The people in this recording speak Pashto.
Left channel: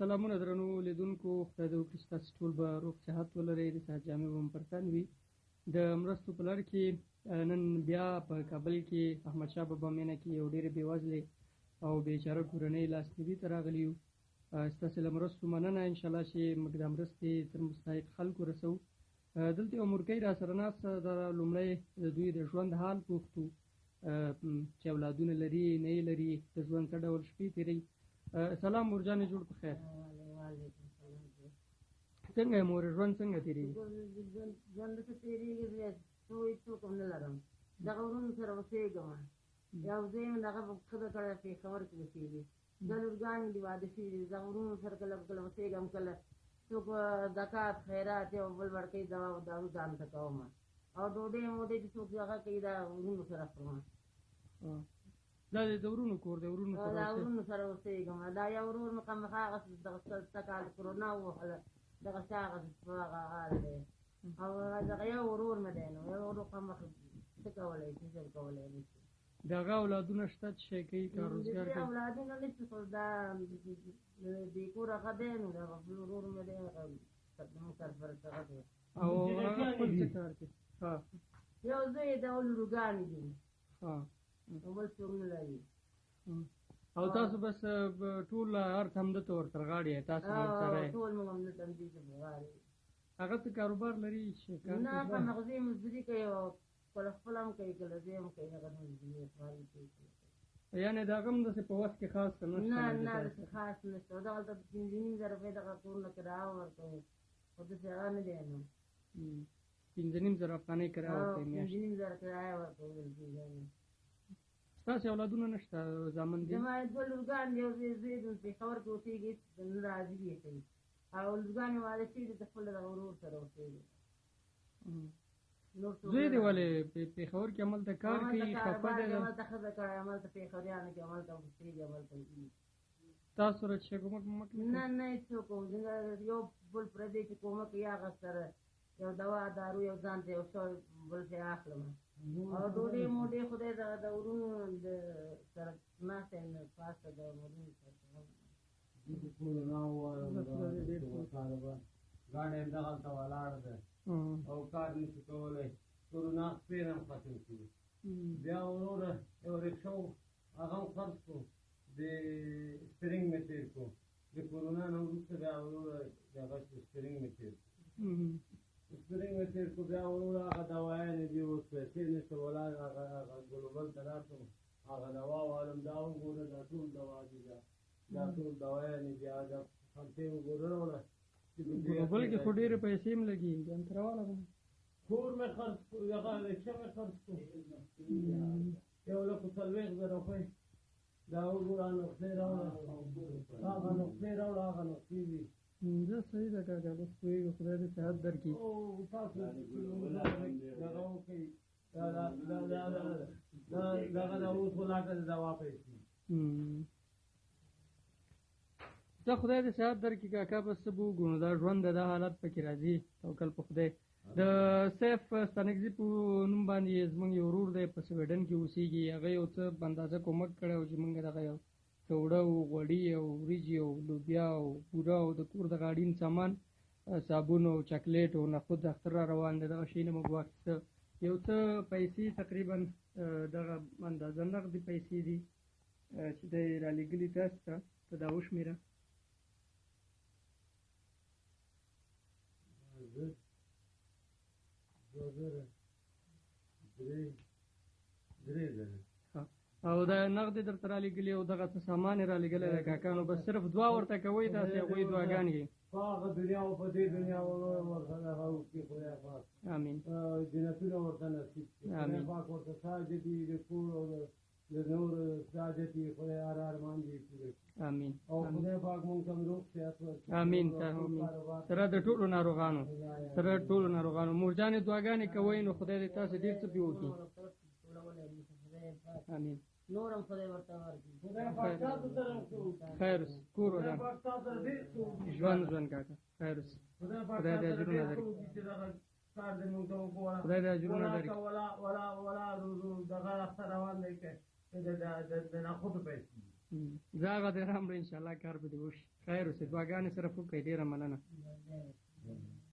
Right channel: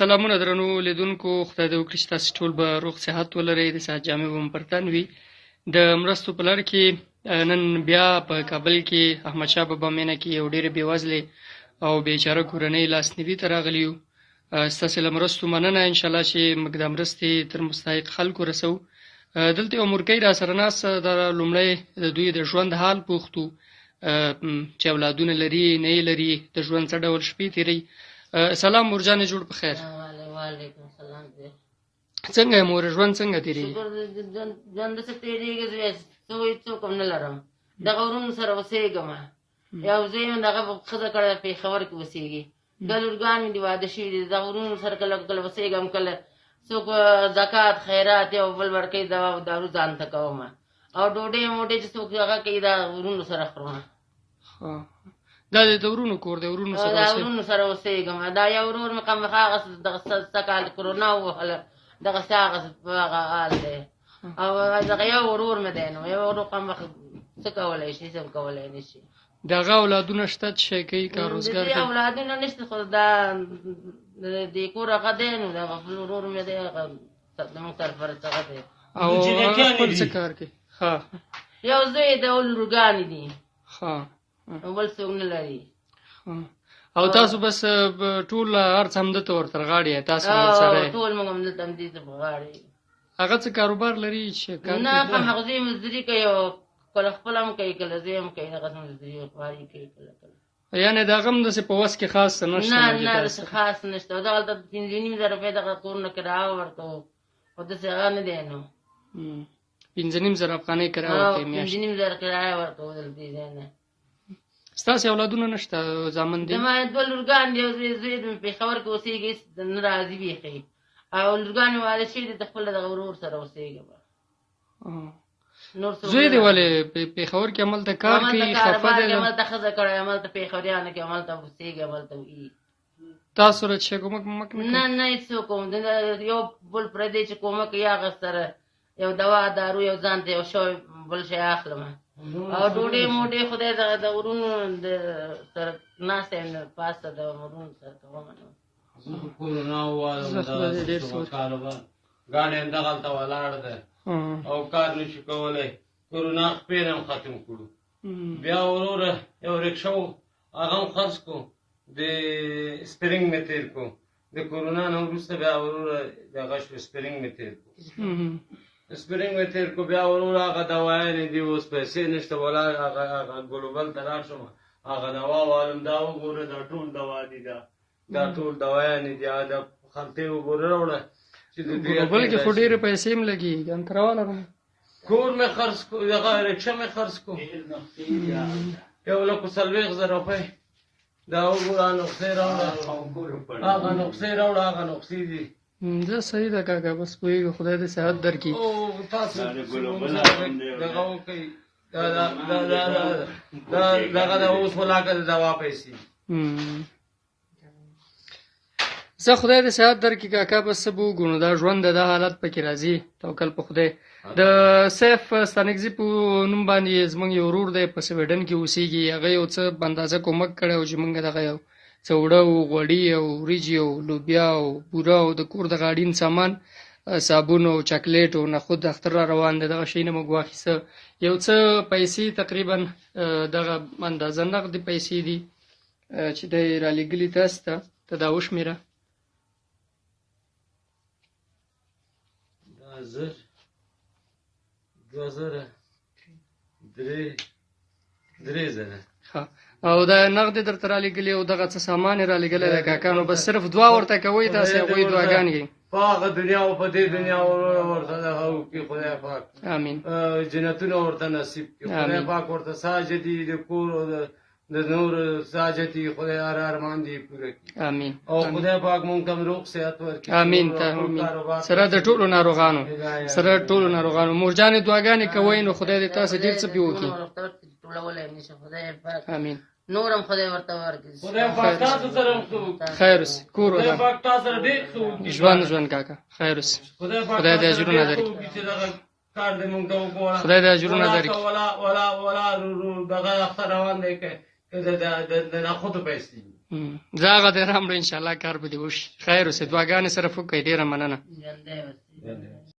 سلامونه درنو لیدونکو، خدای دې وکړي چې تاسو ټول به روغ صحت ولرئ، د صحت جامې به مو پر تن وي. د مرستو په لړ کې نن بیا په کابل کې احمدشاه بابا مینه کې یو ډېرې بېوزلې او بېچاره کورنۍ لاسنیوي ته راغلي یو. ستاسې له مرستو مننه، انشاءالله چې موږ دا مرستې تر مستحق خلکو رسوو. دلته یو مورکۍ را سره ناسته ده. لومړی د دوی د ژوند حال پوښتو، چې اولادونه لري نه یې لري، د ژوند څه ډول شپې تېروي. سلام مور جانې، جوړ په خیر. وعلیکم السلام. څنګه یې مور، ژوند څنګه تېرېږي؟ شکر ژوند داسې تېرېږي، څوک هم نه لرم. دغه ورونو سره اوسېږم. یو زوی مې دغه ښځه کړې پېښور کې اوسېږي. دوه لورګان مې دي واده شوي دي. دغه ورونو سره کله کله اوسېږم، کله څوک زکات خیرات یو بل ورکوي، دوا او دارو ځان ته کوم، او ډوډۍ موډۍ چې څوک هغه کوي دا ورونو سره خورم. دا د ورونو کور دی؟ ورونو سره دا ورونو سره اوسېږم. دا یو ورور مې خامخا هغه دغه څه کال کرونا ووهله، دغسې هغه حال دی. او دغه یو ورور مې دی، نو یو ورور خامخا څه کولی شي، څه هم کولی نه شي. د هغه اولادونه شته چې شی کوي، کار روزګار کوي؟ د دې اولادونه نشته، خو دا د دې کور هغه دی، نو دغه ورور مې دی، هغه زموږ سرپرست هغه دی. او هغه خپل څه کار کوي؟ یو زوی د لورګانې دي، بل څوک نه لري. او تاسو بس ټول هر څه همدلته ورته غاړې یې؟ تاسو ورسره یې؟ ټول موږ همدلته همدې ته په غاړې. هغه څه کاروبار لري چې کار کوي؟ نه، خامخا زوی مزدوري کوي، او کله خپل هم کوي، کله زوی هم کوي، دغسې مزدوري خواري کوي کله کله. یعنې د هغه هم داسې په وس کې خاص څه نشته؟ نه نه، داسې خاص نشته. او دغلته 5,500 روپۍ دغه کورونه کرایه ورکوو، خو داسې هغه نه دی. نو 5,500 افغانۍ کرایه ورکوي میاشت؟ 5,500 کرایه ورکوو دلته ځای نه. ستاسې اولادونه نشته، زامن دي؟ زما دوه لورګان دي، یو زوی د پېښور کې اوسېږي، نه راځي بیخي، او لورګان مې واده شوي دي، د خپل دغه ورور سره اوسېږم. زوی دې ولې پېښور کې هملته کار کوي؟ خفه دی؟ هملته ښځه کړی، هملته پېښوریانو کې هملته اوسېږي، هملته وي. تاسو سره چې کومک مومک نه کوي؟ نه نه، هېڅوک هم یو بل پردی چې کومک کوي، هغه سره یو دوا دارو، یو ځان ته یو شی بل شی اخلم، او ډوډۍ موډۍ خدای د ورونو سره ناسته یم، پاسته د ورونو سره کوم. کرونا ګاډی همدغلته ولاړ دی او کار نشي کولی. کرونا خپې هم ختم کړو. بیا وروره یو رکشه و، هغه هم خرڅ کړو، د سپرینګ مې تېر کړو. د کرونا نه وروسته بیا وروره دغه شو، سپرینګ مې تېر کړو. سپرینګ مې تېر کړو، بیا وروره هغه دوايانې دي، اوس پیسې نشته، ولا هغه ګلوبل ته لاړ شم، هغه دوا والم، دا وګوره دا ټول دوا دي، دا ټول دوايانې دي، دا خلطې وګوره راوړه. ګلوبل کې خو ډېرې پیسې هم لګېږي، انتراواله به کور مې خرڅ کړو، دغه رکشه مې خرڅ کړو، 1,40,000 روپۍ. دا وګوره نقصې راوړه، هغه نقصې راوړه، هغه نقصې دي. دا صحیح ده کاکا، بس پوهېږو، خدای دې صحت درکړي. تاسو دغه وکړئ، دغه د اوس ولاکه د دوا پیسې. زه خدای دې صحت درکړي کاکا، بس څه به وګورو، دا ژوند دی، دا حالت پکې راځي، توکل په خدای. د سیف ستانکزي په نوم باندې زموږ یو ورور دی، په سویډن کې اوسېږي. هغه یو څه اندازه کومک کړی و چې موږ دغه یو څه اوړه او غوړي او وریجې او لوبیا او بوره او د کور دغه اړین سامان، صابون او چاکلیټ او نخود اختر را روان دی، دغه شی نه موږ واخیسته. یو څه پیسې، تقریبا دغه اندازه نغدې پیسې دي چې دی رالېږلي تاسو ته. ته دا وشمېره. 1000 2000 3000. او دا نغدې درته رالېږلي او دغه څه سامان یې رالېږلی دی کاکا، نو بس صرف دعا ورته کوئ تاسې، هغوی دعاګانې کوي. په هغه دنیا او په دې دنیا ورته دغه وکړي خدای پاک، امین، جنتونه ورته نصیب کړي خدای پاک، ورته ساجدي د کور او د نور ساجتي خدای هر ارمان دې پوره کړي، امین. او خدای پاک مونږ ته روغ صحت ورکړي، امین. ته امین. سره د ټولو ناروغانو، سره ټولو ناروغانو مور جانې دعاګانې کوئ، نو خدای دې تاسو ډېر څه پې وکړي، امین. نورم خدای ورته ورکړي، خدای پاک تاسو سره خیر اوسي، کور خدای پاک تاسو سره ډېر څه وکړي، ژوند کاکا خیر اوسي، خدای دې اجرونه درکړي، کار دې مونږ ته وګوره، خدای دې اجرونه درکړي. ولا دغه اختر روان دی که د نخودو پیسې زه هغه دې راوړو انشاءالله کار به دې وشي. خیر اوسې، دعاګانې سره وکړئ. ډېره مننه. ژوندی اوسې.